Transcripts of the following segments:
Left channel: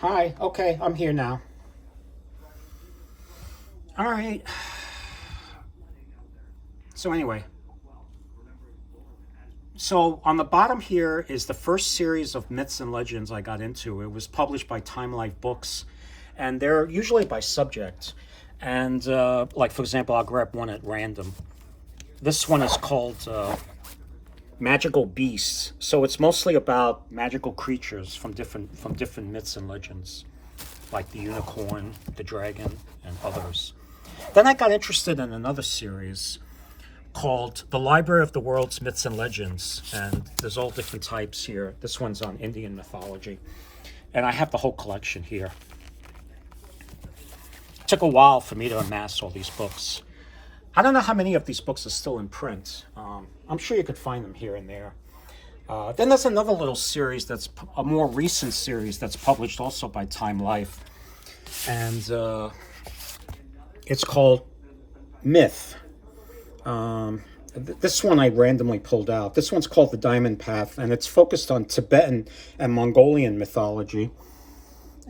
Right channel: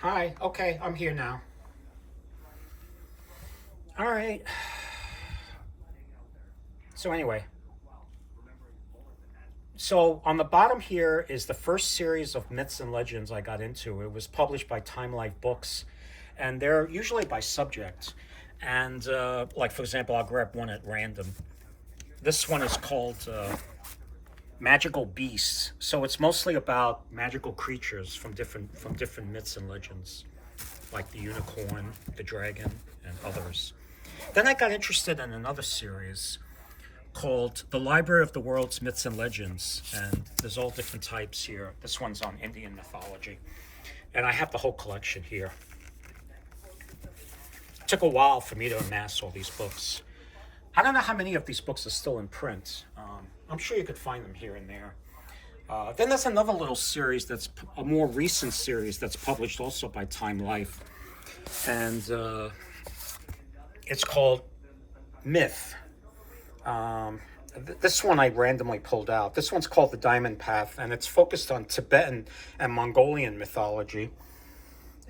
Hi, okay, I'm here now. All right. So anyway, so on the bottom here is the first series of myths and legends I got into. It was published by Time Life Books, and they're usually by subject. And like for example, I'll grab one at random. This one is called Magical Beasts. So it's mostly about magical creatures from different myths and legends, like the unicorn, the dragon, and others. Then I got interested in another series called The Library of the World's Myths and Legends, and there's all different types here. This one's on Indian mythology, and I have the whole collection here. It took a while for me to amass all these books. I don't know how many of these books are still in print. I'm sure you could find them here and there. Then there's another little series that's a more recent series that's published also by Time Life, and it's called Myth. This one I randomly pulled out. This one's called The Diamond Path, and it's focused on Tibetan and Mongolian mythology.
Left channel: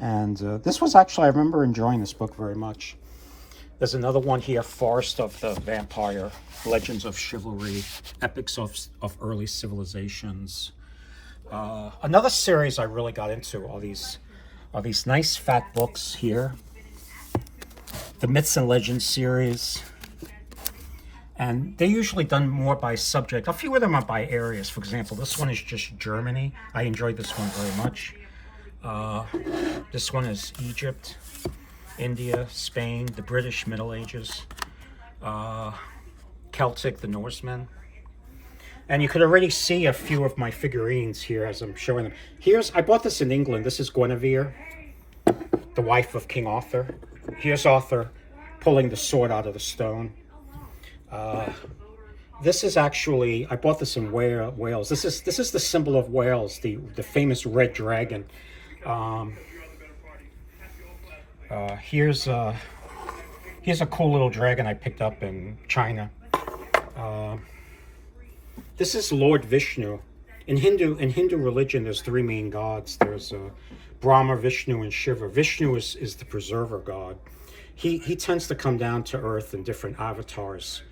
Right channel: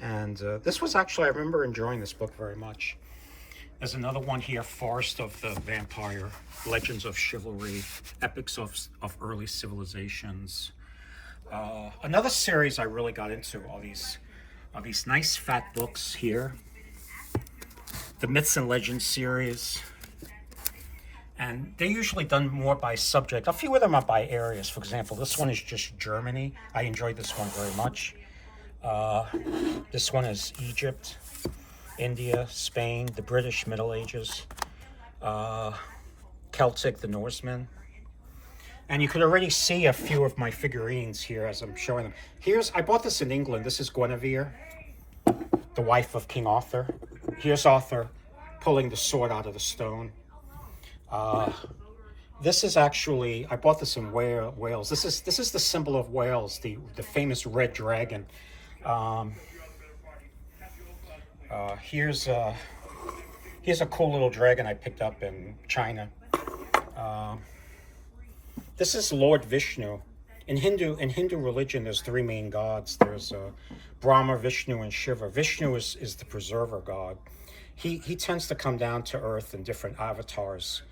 And this was actually, I remember enjoying this book very much. There's another one here, Forest of the Vampire, Legends of Chivalry, Epics of Early Civilizations. Another series I really got into are these nice fat books here. The Myths and Legends series. And they're usually done more by subject. A few of them are by areas. For example, this one is just Germany. I enjoyed this one very much. This one is Egypt, India, Spain, the British Middle Ages, Celtic, the Norsemen. And you could already see a few of my figurines here as I'm showing them. I bought this in England. This is Guinevere, the wife of King Arthur. Here's Arthur pulling the sword out of the stone. This is actually, I bought this in Wales. This is the symbol of Wales, the famous red dragon. Here's a cool little dragon I picked up in China. This is Lord Vishnu. In Hindu religion, there's three main gods. There's Brahma, Vishnu, and Shiva. Vishnu is the preserver god. He tends to come down to earth in different avatars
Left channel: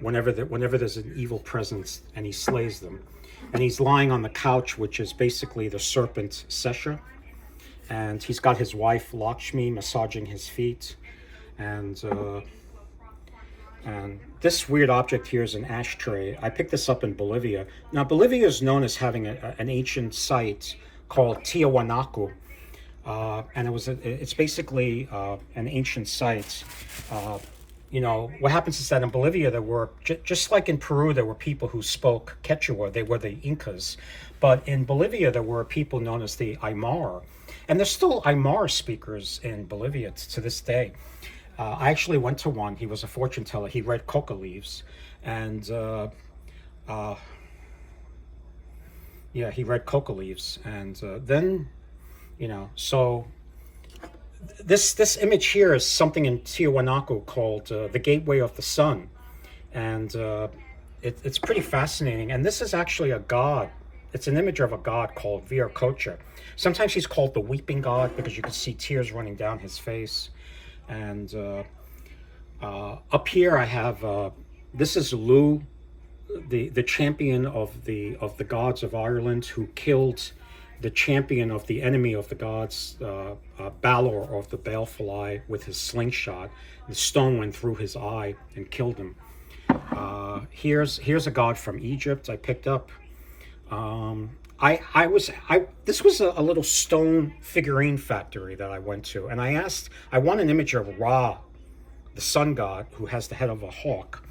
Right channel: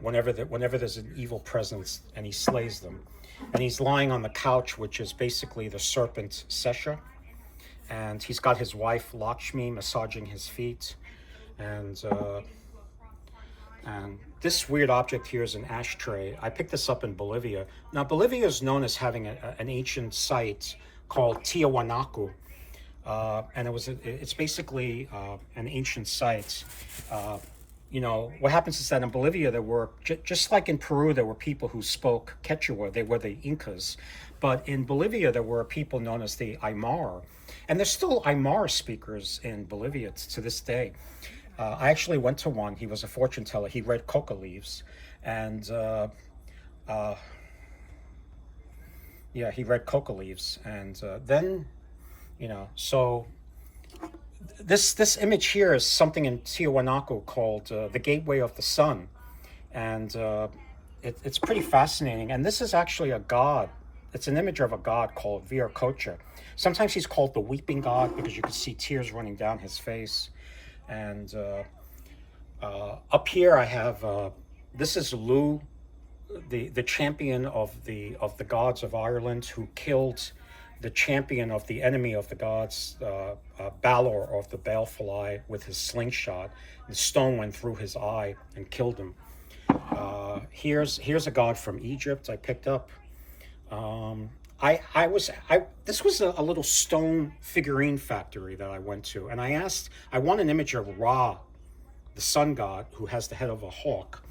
whenever there's an evil presence, and he slays them. And he's lying on the couch, which is basically the serpent Sesha. And he's got his wife Lakshmi massaging his feet. And this weird object here is an ashtray. I picked this up in Bolivia. Now, Bolivia is known as having an ancient site called Tiahuanaco. And it's basically an ancient site. What happens is that in Bolivia, there were, just like in Peru, there were people who spoke Quechua. They were the Incas. But in Bolivia, there were people known as the Aymar. And there's still Aymar speakers in Bolivia to this day. I actually went to one. He was a fortune teller. He read coca leaves. And, he read coca leaves. And then, so this image here is something in Tiahuanaco called the Gateway of the Sun. And it's pretty fascinating. And this is actually a god. It's an image of a god called Viracocha. Sometimes he's called the Weeping God because you can see tears running down his face. And up here I have, this is Lu, the champion of the gods of Ireland, who killed the champion of the enemy of the gods, Balor of the Baleful with his slingshot. The stone went through his eye and killed him. Here's a god from Egypt I picked up. This was a little stone figurine factory that I went to, and I want an image of Ra, the sun god, who has the head of a hawk,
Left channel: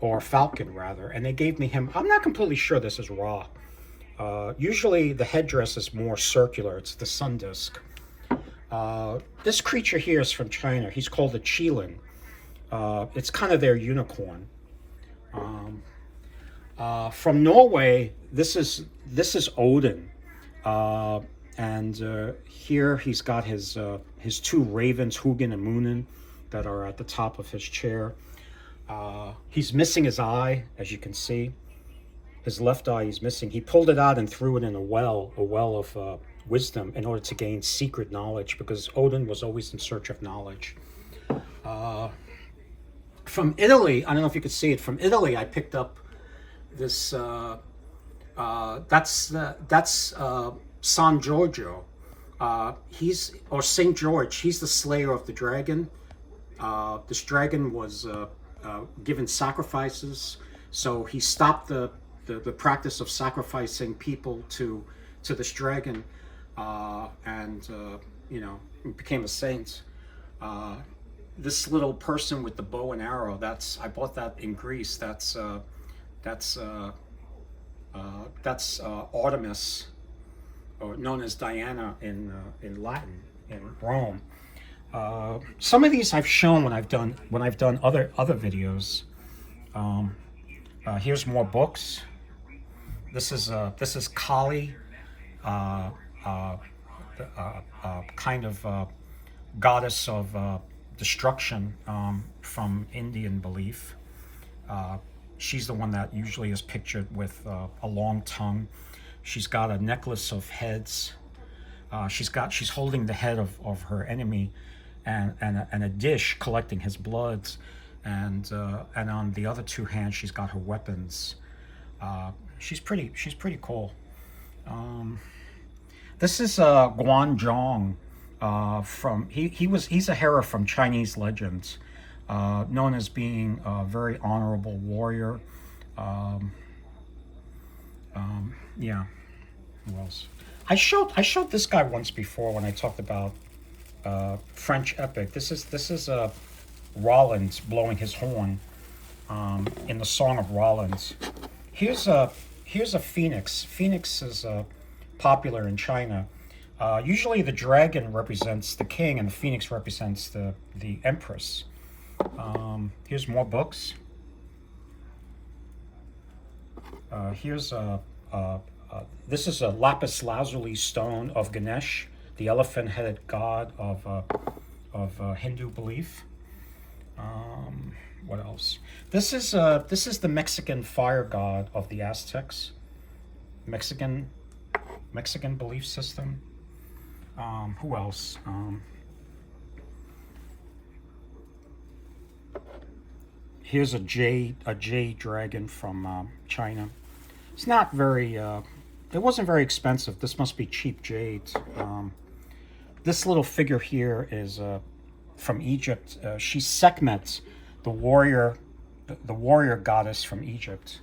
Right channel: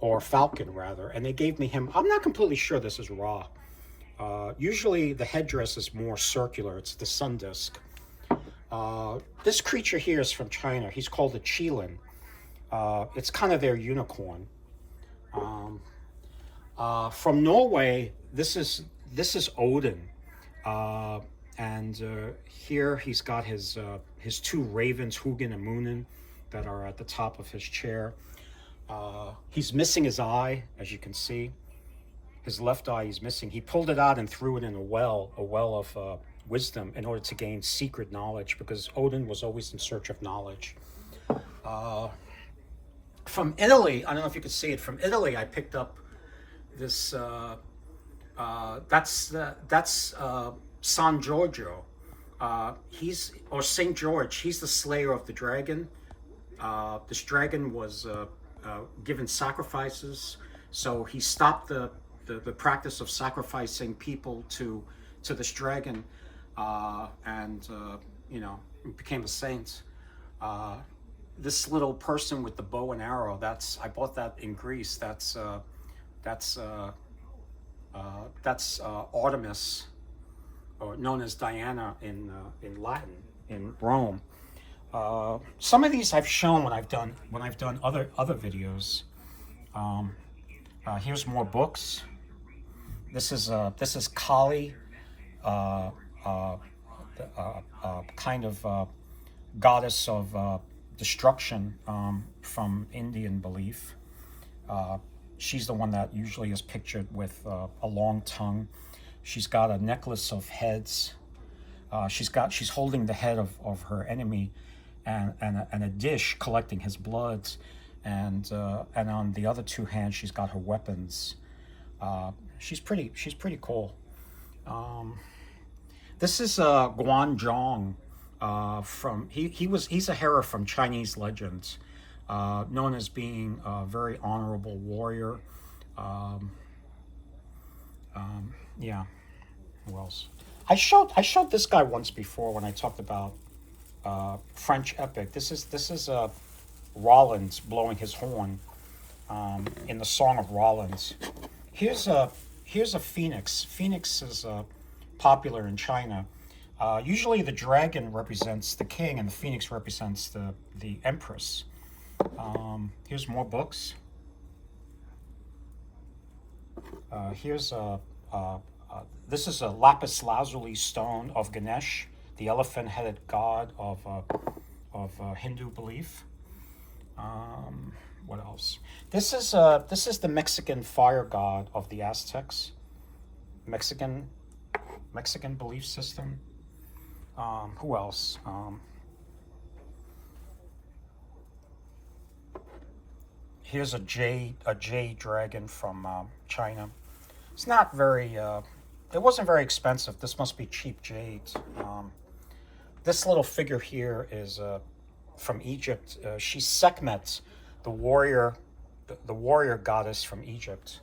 or falcon rather, and they gave me him. I'm not completely sure this is Ra. Usually the headdress is more circular. It's the sun disk. This creature here is from China. He's called a qilin. It's kind of their unicorn. From Norway, this is Odin, and here he's got his two ravens, Hugin and Munin, that are at the top of his chair. He's missing his eye, as you can see. His left eye he's missing. He pulled it out and threw it in a well of wisdom in order to gain secret knowledge, because Odin was always in search of knowledge. From Italy, I don't know if you could see it. From Italy, I picked up this. That's San Giorgio. He's or Saint George. He's the slayer of the dragon. This dragon was given sacrifices, so he stopped the practice of sacrificing people to this dragon, and became a saint. This little person with the bow and arrow, I bought that in Greece. That's Artemis, or known as Diana in Latin, in Rome. Some of these I've shown when I've done other videos. Here's more books. This is Kali, kind of goddess of destruction, from Indian belief. She's the one that usually is pictured with a long tongue. She's got a necklace of heads. She's holding the head of her enemy, and a dish collecting his bloods, and on the other two hands she's got her weapons. She's pretty cool. This is Guan Zhong. He's a hero from Chinese legends, known as being a very honorable warrior. Yeah. Who else? I showed this guy once before when I talked about French epic. This is Rollins blowing his horn in the Song of Rollins. Here's a phoenix. Phoenix is popular in China. Usually the dragon represents the king and the phoenix represents the empress. Here's more books. This is a lapis lazuli stone of Ganesh, the elephant-headed god of Hindu belief. What else? This is the Mexican fire god of the Aztecs. Mexican belief system. Who else? Here's a jade dragon from China. It's not very. It wasn't very expensive. This must be cheap jade. This little figure here is from Egypt. She's Sekhmet, the warrior goddess from Egypt.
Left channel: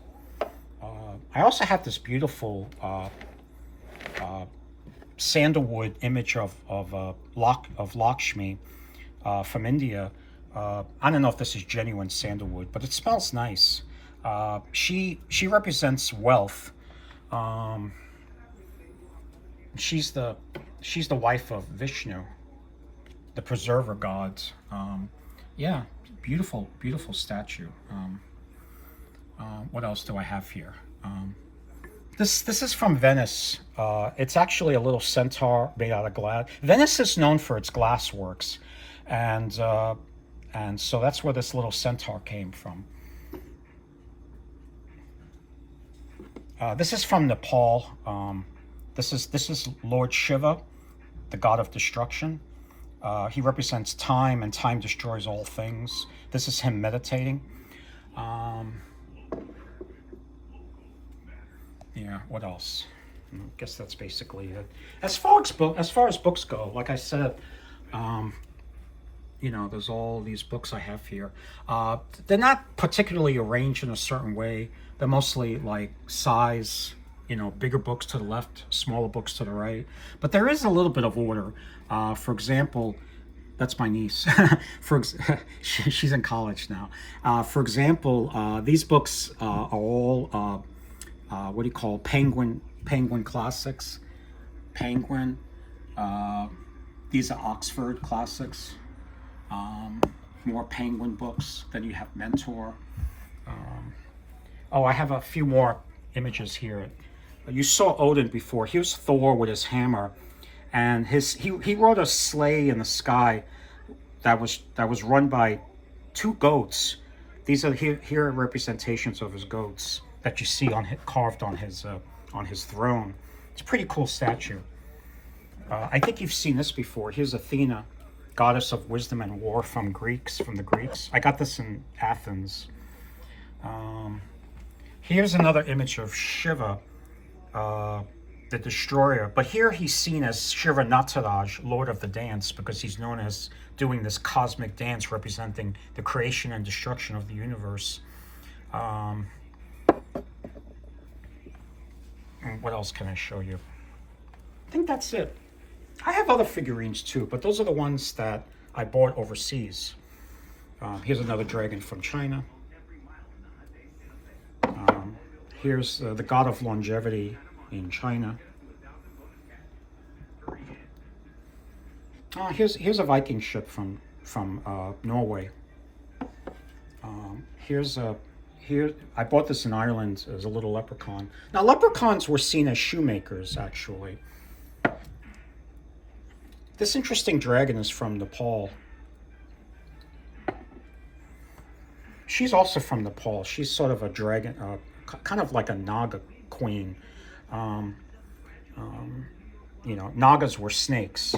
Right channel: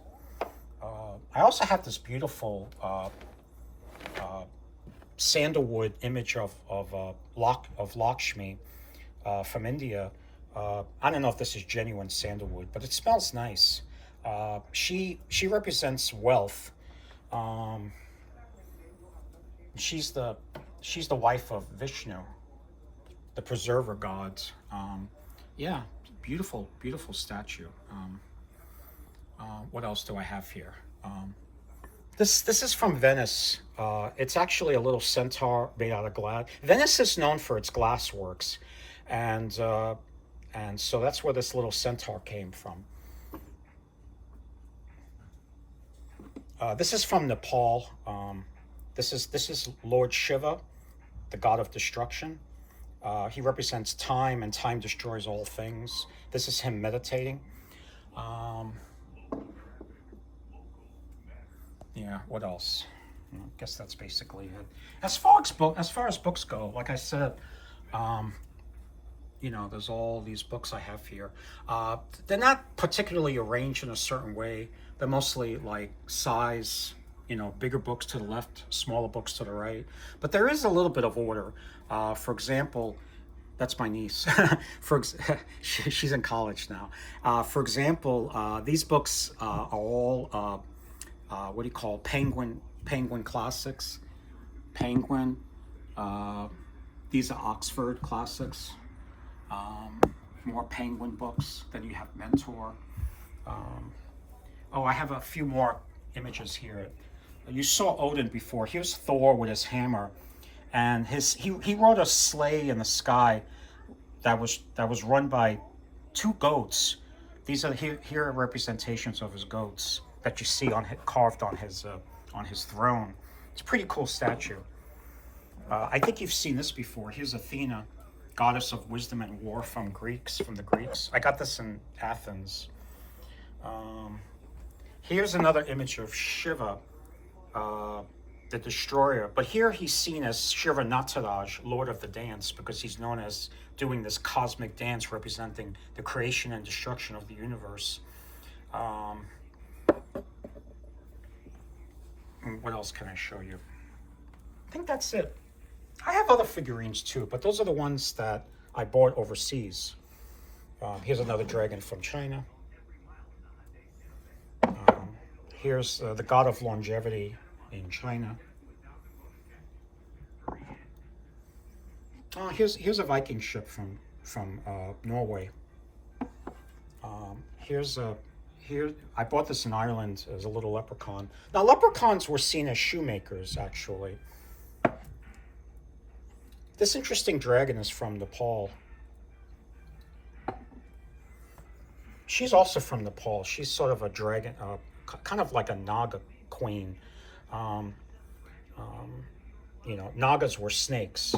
I also have this beautiful sandalwood image of Lakshmi from India. I don't know if this is genuine sandalwood, but it smells nice. She represents wealth. She's the wife of Vishnu, the preserver god. Yeah, beautiful statue. What else do I have here? This is from Venice. It's actually a little centaur made out of glass. Venice is known for its glass works, and so that's where this little centaur came from. This is from Nepal. This is Lord Shiva, the god of destruction. He represents time, and time destroys all things. This is him meditating. Yeah, what else? I guess that's basically it. As far as books go, like I said, there's all these books I have here. They're not particularly arranged in a certain way. They're mostly like size, bigger books to the left, smaller books to the right. But there is a little bit of order. For example, that's my niece. She's in college now. For example, these books are all what do you call Penguin classics? Penguin. These are Oxford classics. More Penguin books. Then you have Mentor. I have a few more images here. You saw Odin before. Here's Thor with his hammer, and he rode a sleigh in the sky that was run by two goats. These are here are representations of his goats that you see carved on his throne. It's a pretty cool statue. I think you've seen this before. Here's Athena, goddess of wisdom and war from the Greeks. I got this in Athens. Here's another image of Shiva, the destroyer. But here he's seen as Shiva Nataraj, lord of the dance, because he's known as doing this cosmic dance representing the creation and destruction of the universe. What else can I show you? I think that's it. I have other figurines too, but those are the ones that I bought overseas. Here's another dragon from China. Here's the god of longevity in China. Here's a Viking ship from Norway. Here I bought this in Ireland as a little leprechaun. Now leprechauns were seen as shoemakers, actually. This interesting dragon is from Nepal. She's also from Nepal. She's sort of a dragon, kind of like a Naga queen. You know, Nagas were snakes.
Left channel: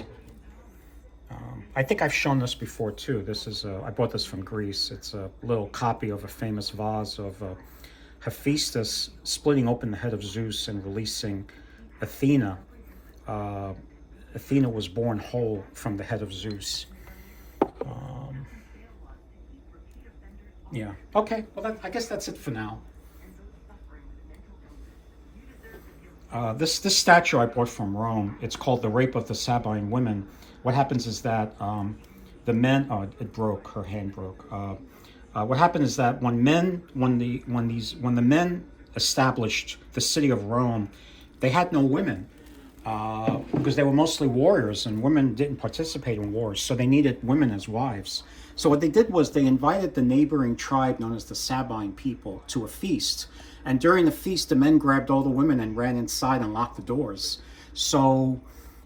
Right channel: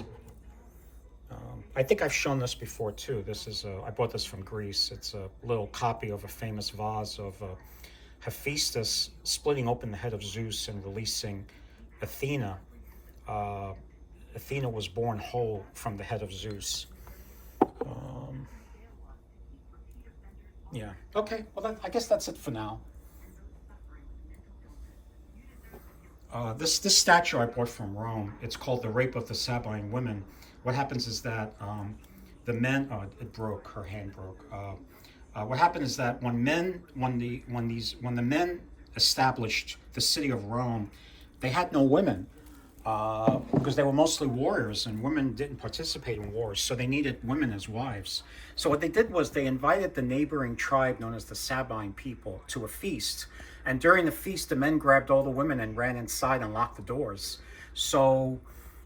I think I've shown this before too. This is I bought this from Greece. It's a little copy of a famous vase of Hephaestus splitting open the head of Zeus and releasing Athena. Athena was born whole from the head of Zeus. Yeah. Okay. Well, I guess that's it for now. This statue I bought from Rome. It's called the Rape of the Sabine Women. What happens is that the men. It broke. Her hand broke. What happened is that when the men established the city of Rome, they had no women because they were mostly warriors, and women didn't participate in wars, so they needed women as wives. So what they did was they invited the neighboring tribe known as the Sabine people to a feast. And during the feast, the men grabbed all the women and ran inside and locked the doors. So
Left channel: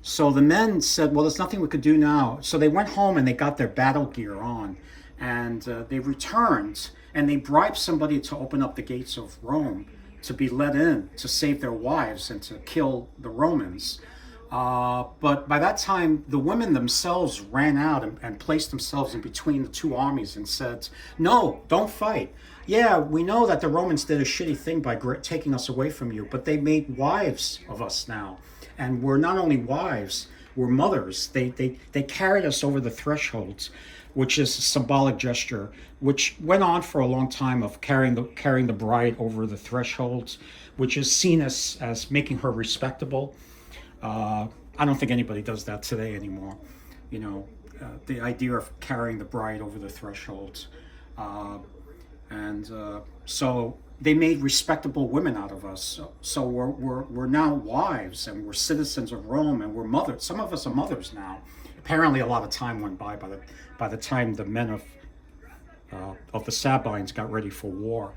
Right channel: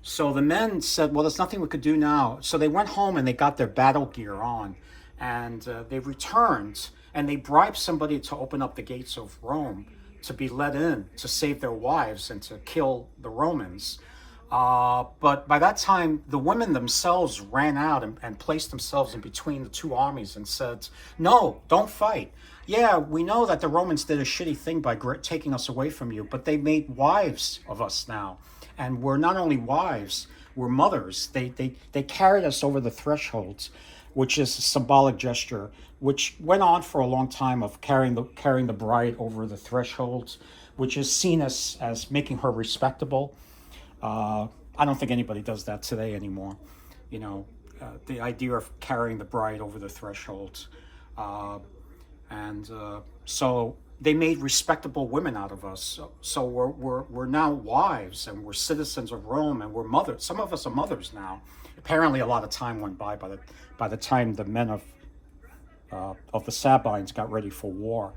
the men said, well, there's nothing we could do now. So they went home and they got their battle gear on. And they returned and they bribed somebody to open up the gates of Rome to be let in to save their wives and to kill the Romans. But by that time, the women themselves ran out and placed themselves in between the two armies and said, no, don't fight. Yeah, we know that the Romans did a shitty thing by taking us away from you, but they made wives of us now. And we're not only wives, we're mothers. They carried us over the thresholds, which is a symbolic gesture, which went on for a long time of carrying the bride over the thresholds, which is seen as making her respectable. I don't think anybody does that today anymore. You know, the idea of carrying the bride over the thresholds. So they made respectable women out of us. So we're now wives, and we're citizens of Rome, and we're mothers. Some of us are mothers now. Apparently a lot of time went by the time the men of the Sabines got ready for war.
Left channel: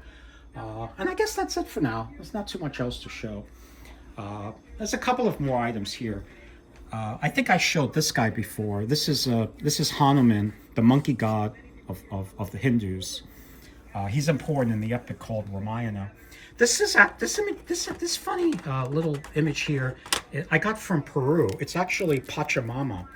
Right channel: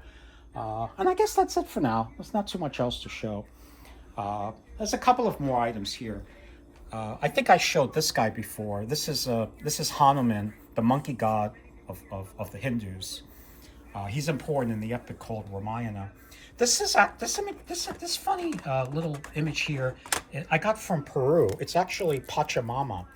And I guess that's it for now. There's not too much else to show. There's a couple of more items here. I think I showed this guy before. This is Hanuman, the monkey god of the Hindus. He's important in the epic called Ramayana. This funny little image here I got from Peru. It's actually Pachamama.